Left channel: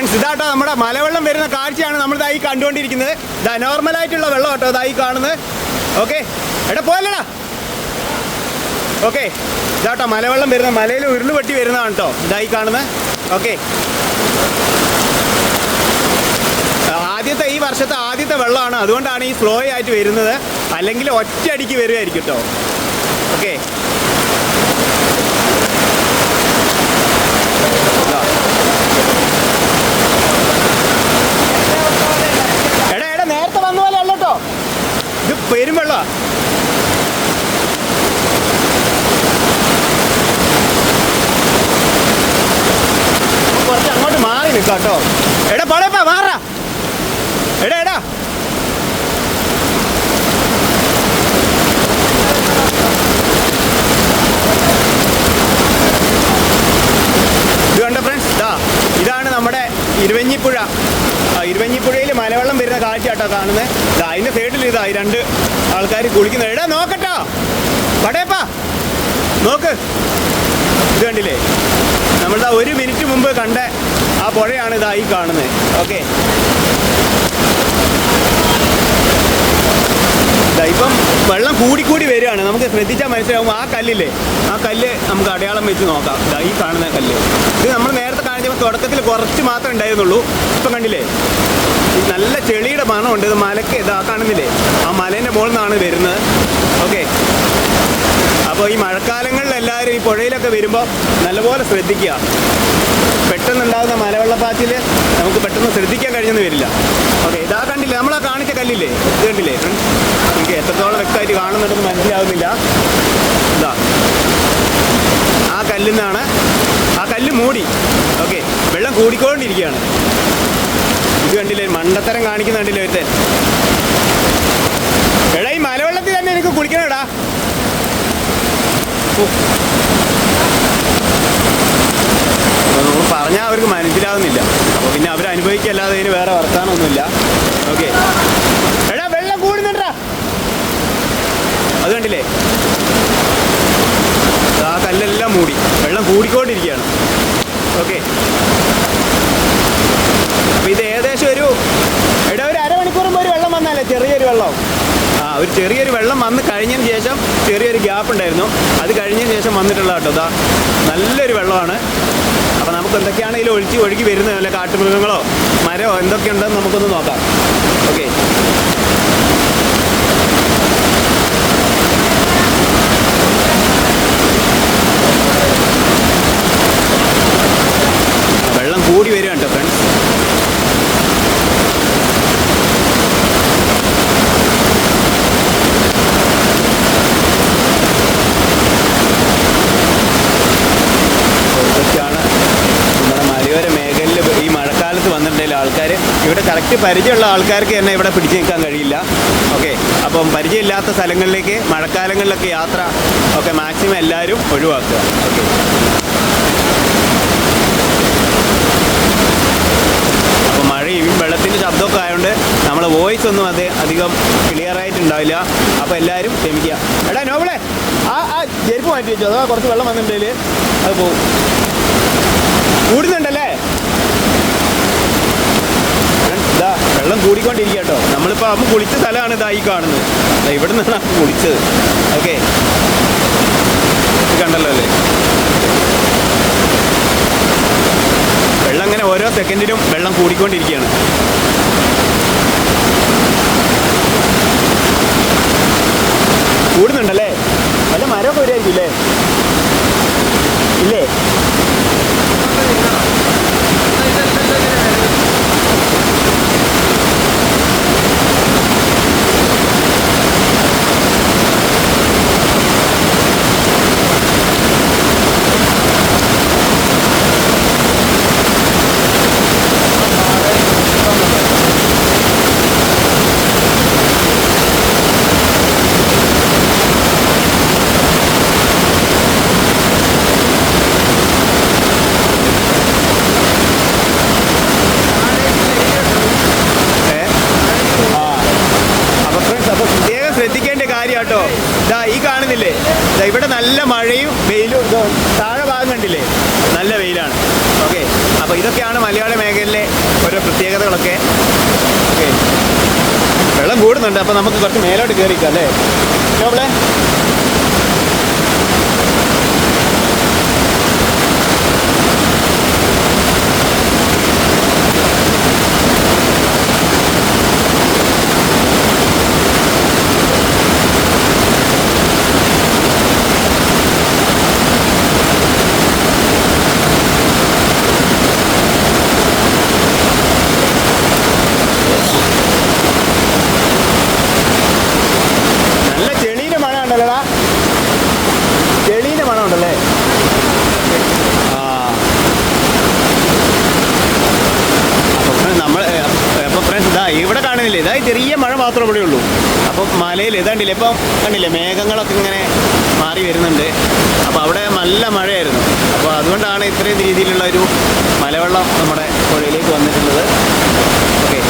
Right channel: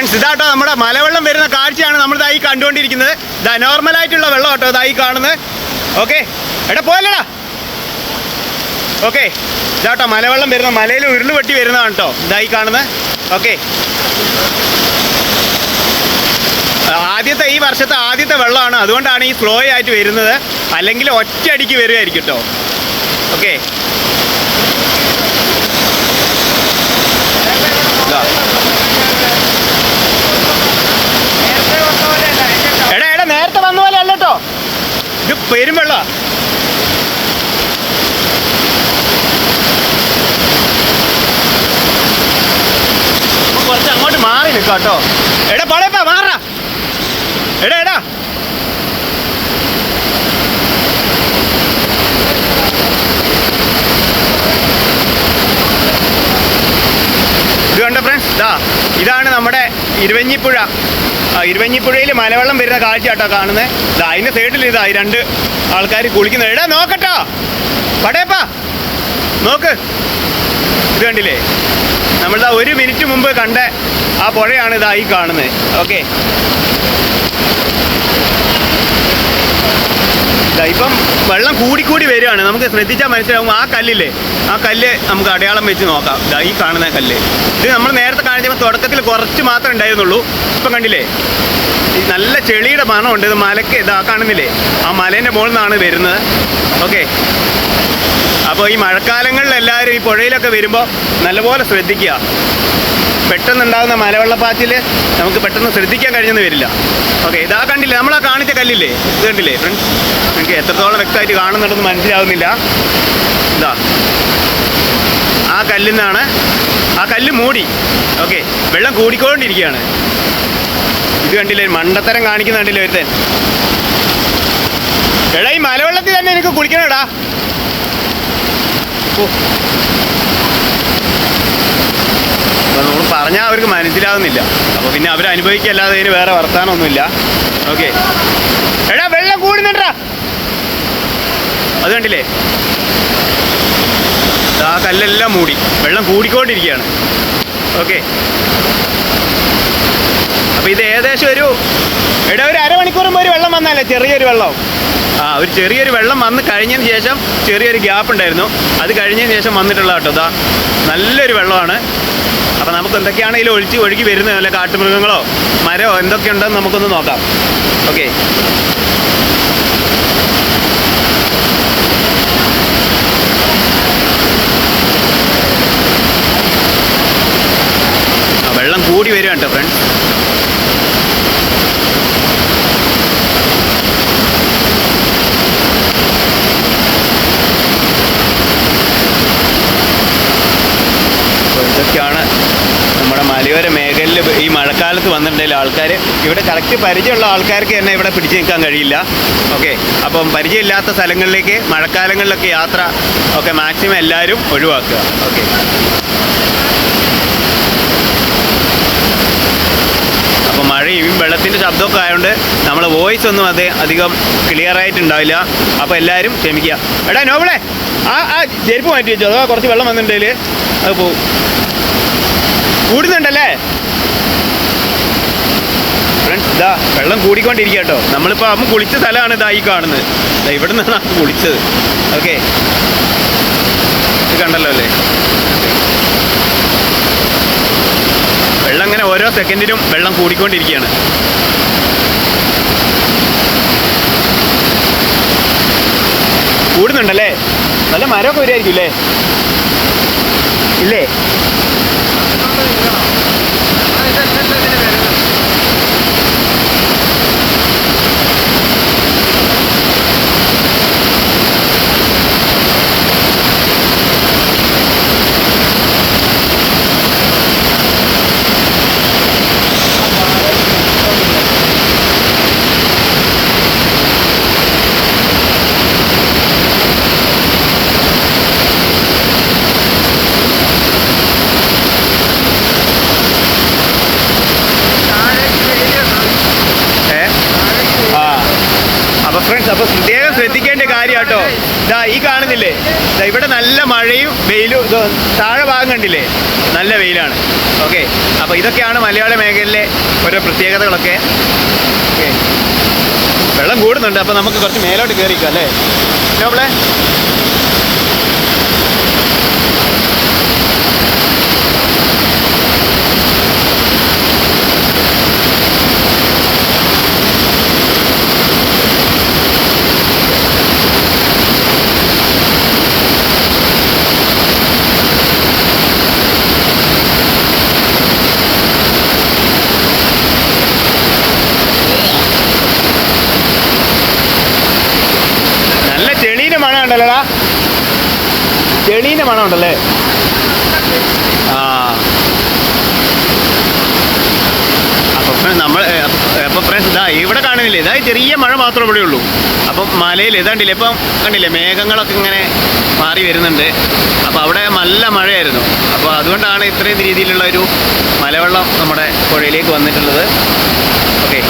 Friends ഇതാട്ടോ നമ്മുടെ മലവെള്ളം വരുന്ന കാഴ്ചയാണ് നമ്മളിതായി കണ്ടുകൊണ്ടിരിക്കുന്നത്. ഇതാ നോർമലായിട്ടുള്ള വെള്ളം കേട്ടോ ഇതായി കാണുന്നത്. ഓക്കെ എടാ പോയല്ലടാ. ഓക്കെ ഇതാട്ടോ മലവെള്ളം വരുന്ന, മലയിൽ ഉരുള് വെട്ടി വരുന്നതാണ് കേട്ടോ ഇതായി കാണുന്നത്. ഓക്കെ ആദ്യത്തെ ഈ വർഷത്തെ ആദ്യത്തെ വെള്ളമാണ്, അതുകൊണ്ടാണ് ഈ സ്ലോ ആയിട്ട് വരുന്നത്. അല്ലെങ്കിൽ ഒറ്റയടിക്ക് വരുമായിരിക്കും കേട്ടോ. ഓക്കെ എടാ എടാ നേരത്തെ വന്ന പോലെ അല്ല കേട്ടോ, ഇത് പെരും വെള്ളമാണ്. കുറച്ച് അങ്ങോട്ട് മാറി നിൽക്കാം കേട്ടോ. എടാ പോളേപ്പാ മാറാ. എടാ എടാ ഇത് കണ്ട ഫ്രണ്ട്സ്, ഇതാണ് നമ്മുടെ ഇരുവഞ്ഞിപ്പുഴ. ഇരുവഞ്ഞിപ്പുഴയിൽ മലവെള്ളം വരുന്ന കാഴ്ച കേട്ടോ കാണുന്നത്. അതിൻ്റെ സൈഡിൽ ഈ രണ്ട് ആൾക്കാർ കുളിക്കുന്നത്. എടാ നോക്കട്ടോ പടയപ്പാ നോക്ക്. ഇത് കണ്ടില്ലേ, നമ്മളിതാ 1 മിനിറ്റ് മുമ്പ് കണ്ട ആ പുഴയാണ് ഇതായി കാണുന്നത്. ഓക്കെ ഇപ്പം വെള്ളം കൂടിക്കൂടി വരികയാണ്. നമുക്ക് ശ്രദ്ധിച്ചാൽ മനസ്സിലാവും. ആ കല്ലില്ലേ, ആ കല്ല് നമുക്ക് അടയാളം വെച്ച് നോക്കാം. ഈ കാണുന്ന കല്ല്, ഇത് നമ്മൾ നേരത്തെ കാണിച്ചപ്പോൾ തുടക്കത്തിൽ കുറച്ച് മാത്രമേ ഉണ്ടായിരുന്നുള്ളൂ. ഇപ്പം കണ്ടില്ലേ, ഈ നല്ല ചെളിയുടെ മണമുണ്ട്. ഇത് മലയ്ക്ക് ഇതാ കാണുന്നില്ലേ, ആ മലേൻ്റെ മുകളിൽ നിന്നാണ് വരുന്നത്. ഓക്കെ അപ്പോൾ ഈ മഴക്കാലങ്ങളിൽ എല്ലാവരും ഈ പുഴയിലൊക്കെ വരുമ്പോൾ നല്ലപോലെ ശ്രദ്ധിക്കുക. പെട്ടെന്നുണ്ടാകുന്ന മലവെള്ളപ്പാച്ചിൽ നമുക്ക് പെട്ടെന്ന് ശ്രദ്ധിക്കാൻ കഴിഞ്ഞെന്ന് വരില്ല. ഓക്കെ ഇതാ കണ്ടില്ലേ, നമ്മളാ കാണിച്ച കല്ലില്ലേ, ഇത് കണ്ടില്ലേ ഫ്രണ്ട്സ്, നിങ്ങൾക്ക് എത്രത്തോളം വ്യക്തമായിട്ട് കാണുന്നുണ്ടെന്ന് മനസ്സിലാവുന്നില്ല. ഇതാ ആ കല്ലിൽ നിന്നാണ്, ആ കല്ല് മൂടി. ഓക്കെ വെള്ളം കൂടിക്കൊണ്ടിരിക്കുകയാണ്. ഇത് കണ്ടില്ലേ, മണ്ടത്തരം കാണിക്കുന്ന കണ്ടില്ലേ ഒരുത്തൻ. എടാ ഈ മലവെള്ളത്തിൽ തന്നെ എനിക്ക് കുളിക്കണേടാ. നമ്മൾ പറഞ്ഞാൽ അവർക്ക് മനസ്സിലാവുന്നില്ല. അപ്പോൾ പിന്നെ അവർ അനുഭവിക്കല്ലാതെ ഇതിന് വേറെ വർത്താനമൊന്നുമില്ല. ഓക്കെ എടാ വെള്ളം കൂടുന്നുണ്ടാ, അത് കണ്ടില്ലേ, ആ കല്ലെല്ലാം മൂടി, വെള്ളം കൂടിക്കൊണ്ടിരിക്കുകയാണ്. ഓക്കെ അപ്പോൾ ഇത് ഏകദേശം ഒരു അരമണിക്കൂർ മുമ്പ് ഒരു വെള്ളം വന്നാലേ, ചെറിയൊരു വെള്ളം, ഒരു ചെറിയൊരു വെള്ളം വന്ന് കഴിഞ്ഞതിന് ശേഷം ചെറിയൊരു ഗ്യാപ്പ് ഉണ്ടായിരുന്നു. അത് കഴിഞ്ഞതിന് ശേഷം വന്നിട്ടുള്ള കേട്ടോ. ഇതാ നല്ലൊരു വെള്ളമാണ്. അപ്പോൾ നമുക്ക് എന്തൊക്കെയാണ് ഇതിൽ ഒഴുകി വരുന്നത്, അല്ല കാട്ടുമൃഗങ്ങളോ മരമോ എന്തൊക്കെയുണ്ടെന്ന് നമുക്കൊന്ന് നോക്കാം. ഓക്കെ വെള്ളം കൂടി വരിക കേട്ടോ ഫ്രണ്ട്സ്. ഇതൊക്കെയാണ് നമ്മുടെ മലയോര മേഖലയിൽ ഈ മഴക്കാലത്ത് വന്നിട്ടുണ്ടെങ്കിൽ ആൾക്കാർ ഇവിടെ കറക്റ്റ് പരിചയമുള്ള ആൾക്കാർക്ക് തന്നെ ഇവിടെ പിടിച്ചു നിൽക്കാൻ കഴിയില്ല. ഓക്കെ അപ്പം പരിചയമില്ലാത്ത സ്ഥലങ്ങളിലേക്ക് മഴക്കാലങ്ങളിലൊക്കെ യാത്ര ഒക്കെ മാക്സിമം എല്ലാവരും ഒഴിവാക്കുക. ഓക്കെ അപ്പോൾ മഴയും വെള്ളത്തിൻ്റെ ശബ്ദമൊക്കെ ആയതുകൊണ്ട് നമ്മൾ വോയിസ് ഒന്നും അധികം ക്ലിയർ ആയിട്ടുണ്ടാവില്ല. അപ്പോൾ എല്ലാവരും ക്ഷമിക്കുക. എടാ നോബിളെ ആ ചെരുപ്പ് മാറ്റി വെച്ചോ, അതോ കുറച്ച് വെള്ളം വന്നിട്ടുണ്ടെങ്കിൽ അത് പോവും. കൂടുന്നുണ്ടല്ലേ ഫ്രണ്ട്സ്, ഇതാ വെള്ളം കൂടിക്കൊണ്ടിരിക്കുക കേട്ടോ. നമ്മളിപ്പോൾ അമ്മ കുളിച്ച സ്ഥലമാണ് ഇതാ ഈ കാണുന്നത്. ഇവിടെ നിന്നാണ് അമ്മ കുളിച്ചത്. ഓക്കെ ഇത് കണ്ടല്ലോ അല്ലേ, വെള്ളം അങ്ങനെ ഓരോ സെക്കൻഡിനും വെള്ളം കൂടിക്കൊണ്ടിരിക്കുകയാണ്. കൂടുന്നുണ്ടല്ലേ, നല്ല മരമൊക്കെ വരുമായിരിക്കും അല്ലേ, ഇല്ലേ? കാര്യം കേട്ടോ. ഇതാ ഈ കാണുന്നില്ലേ, ഇതാ ഇവിടെ നല്ല മഴയും വെയിലും, താഴെ ഭാഗം കണ്ടില്ലേ നല്ല വെയിലാണ്. ഓക്കെ, അപ്പോൾ ഇതൊക്കെയാണ് മലയാള മേഖലയിലെ ഓരോ പ്രത്യേകതകളൊക്കെ. വെള്ളം കൂടുന്നുണ്ട്, അപ്പോൾ നമുക്ക് കുറച്ച് മേലോട്ട് കയറിക്കാം അല്ലേ നമ്മളെ. ചെളീൻ്റെ മണം ഉണ്ടല്ലോടാ, ചെളീൻ്റെ മണം ഉണ്ടല്ലേ. ആ അപ്പം ഫ്രണ്ട്സ് ഇതാ ഇവിടെ കാണുന്നില്ലേ, ഇതാ ചെറിയ മഴ മാത്രമേ ഇവിടെ ഉള്ളൂ. അപ്പം മലയിൽ ഇതാണ്ടില്ലേ ഇപ്പം കണ്ടില്ലേ, മേഘങ്ങളൊക്കെ ഇങ്ങനെ മാറി വരുന്നുണ്ട്. അപ്പോൾ അവിടെ നല്ല മഴയായിരുന്നു. അപ്പോൾ അതുകൊണ്ടാണ് ഇത്രയും രീതിയിലുള്ള ഒരു മലവെള്ളം നമ്മുടെ പുഴയിലേക്ക് വന്നിട്ടുള്ളത്. ഓക്കെ.